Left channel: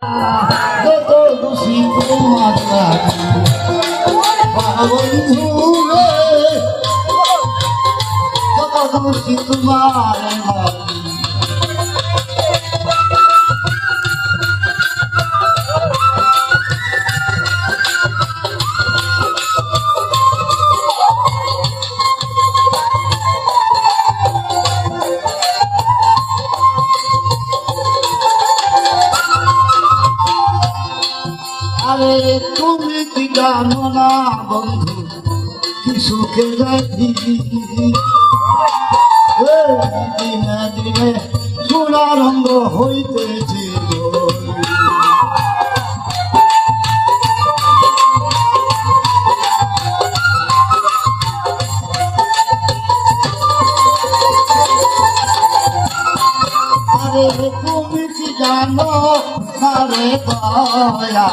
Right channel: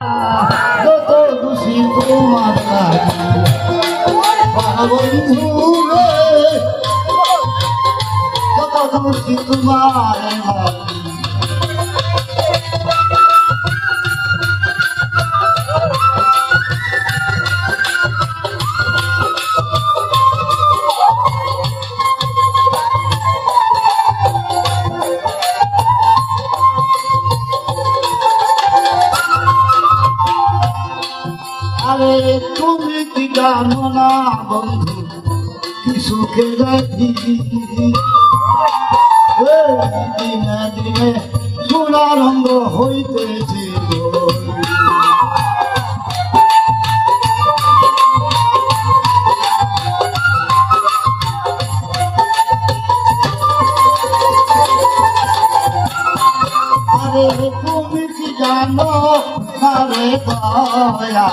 যত খুশি তোমার বন্ধু যত খুশি তোমার তুমি কি জানো না বন্ধু কি সুখে যাচ্ছি দিনে দিনে সোনারঙ্গ হইতেছি আরে তুমি কি জানো না রে দয়া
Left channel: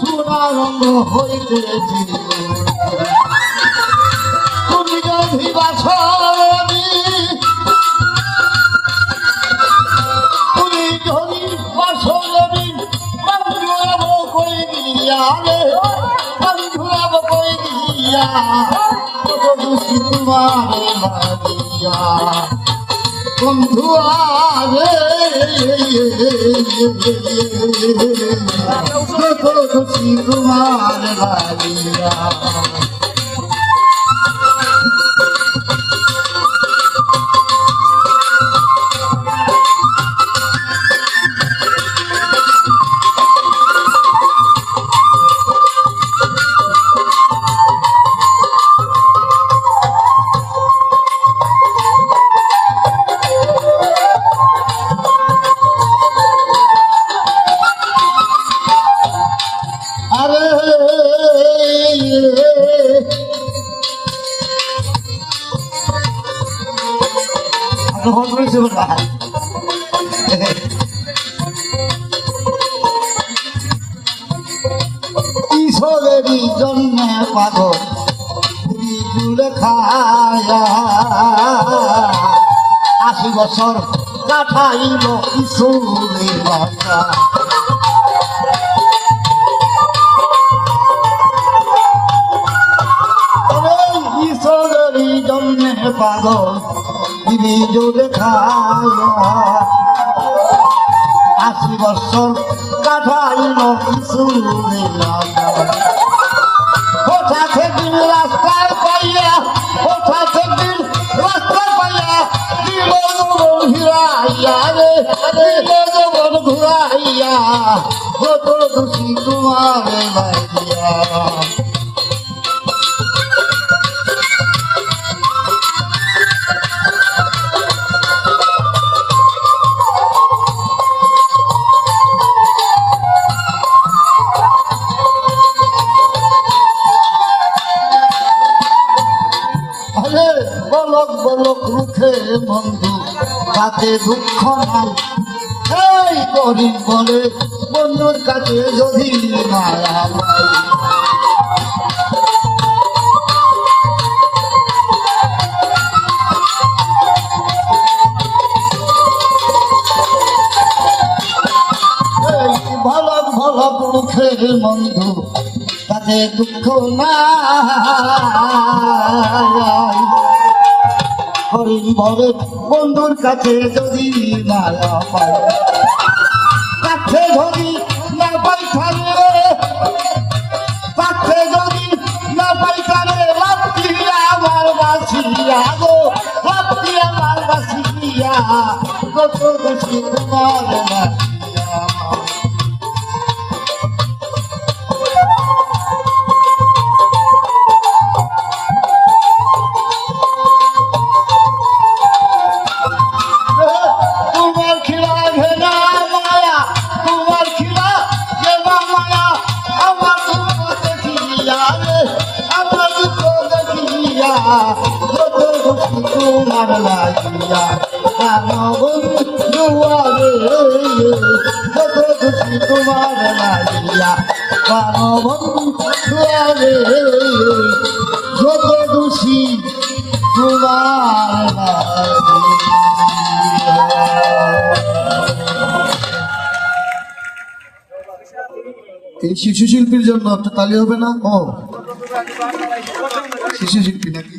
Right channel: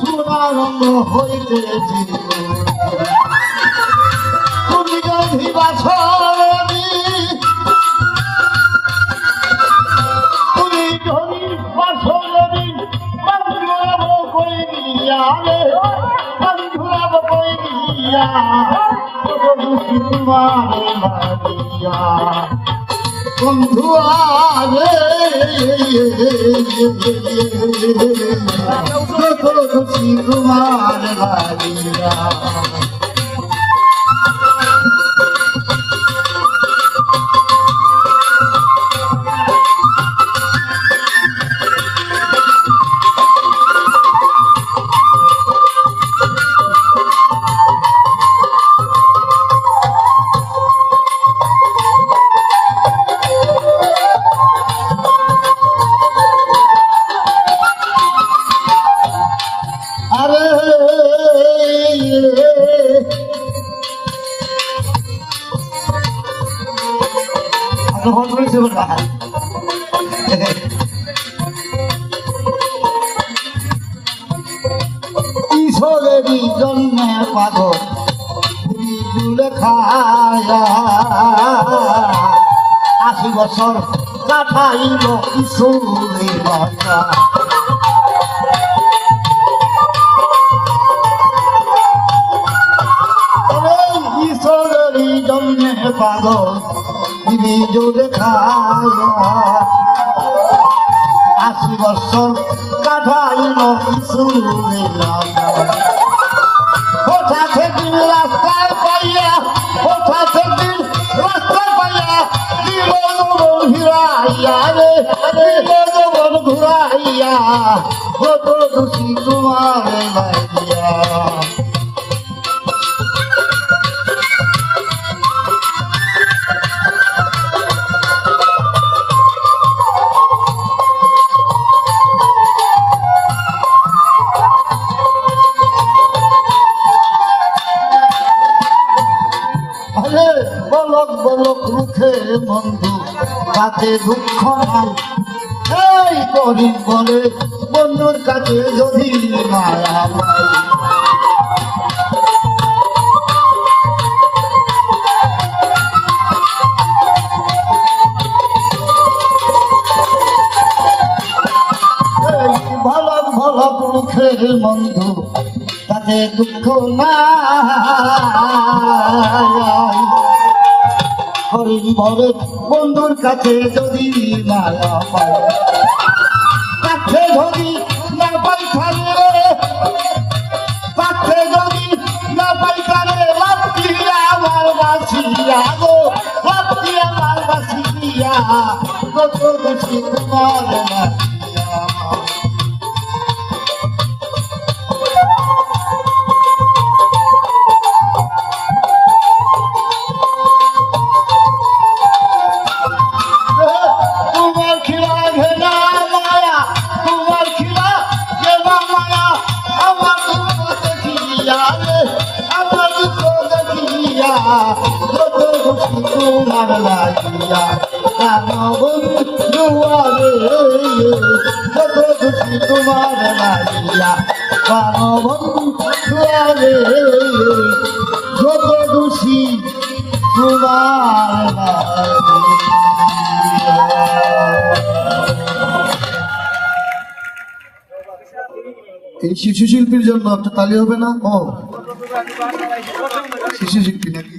সোনারঙ্গ হইতেছি তুমি যদি বাসনি তুমি যদি বাসনি বান্ধব কই দিয়া রে বান্ধব কই দিয়া তোমারে মারিয়া বন্ধু আরে তোমার ভাগিয়া ঈশ্বরেরই জন্মে পাগল খায়া 80 বছর কাটাইল ঈশ্বরের ভাষা ঈশ্বরেরই জন্মে পাগল জোরে খায়া 80 বছর কাটাইল ঈশ্বরের কোথা থেকে রাস্তার পাইয়া কোথা থেকে রাস্তার পাইয়া ঘুরাইয়া রে ঘুরাইয়া কত খুশি তোমার ভাইয়া তাতে দুঃখ নাই এই গরিব বলে বন্ধুর কাছে যদি মায়া পাই ভালো ভালো মুখে বন্ধু তাতে দুঃখ নাই বলে বন্ধুর কাছে যদি মায়া পায় কাছে যদি না পাই থাকবে কাছে যদি না পাই কানে লাফিয়া আমার বাসিয়া গো লাফিয়া আমার বাসিয়া কত খুশি তোমার বাসিয়া তোমার এই শিশু শিল্পীর জন্য একটা তালি হবে না? ও শিশু শিল্পী নাকি?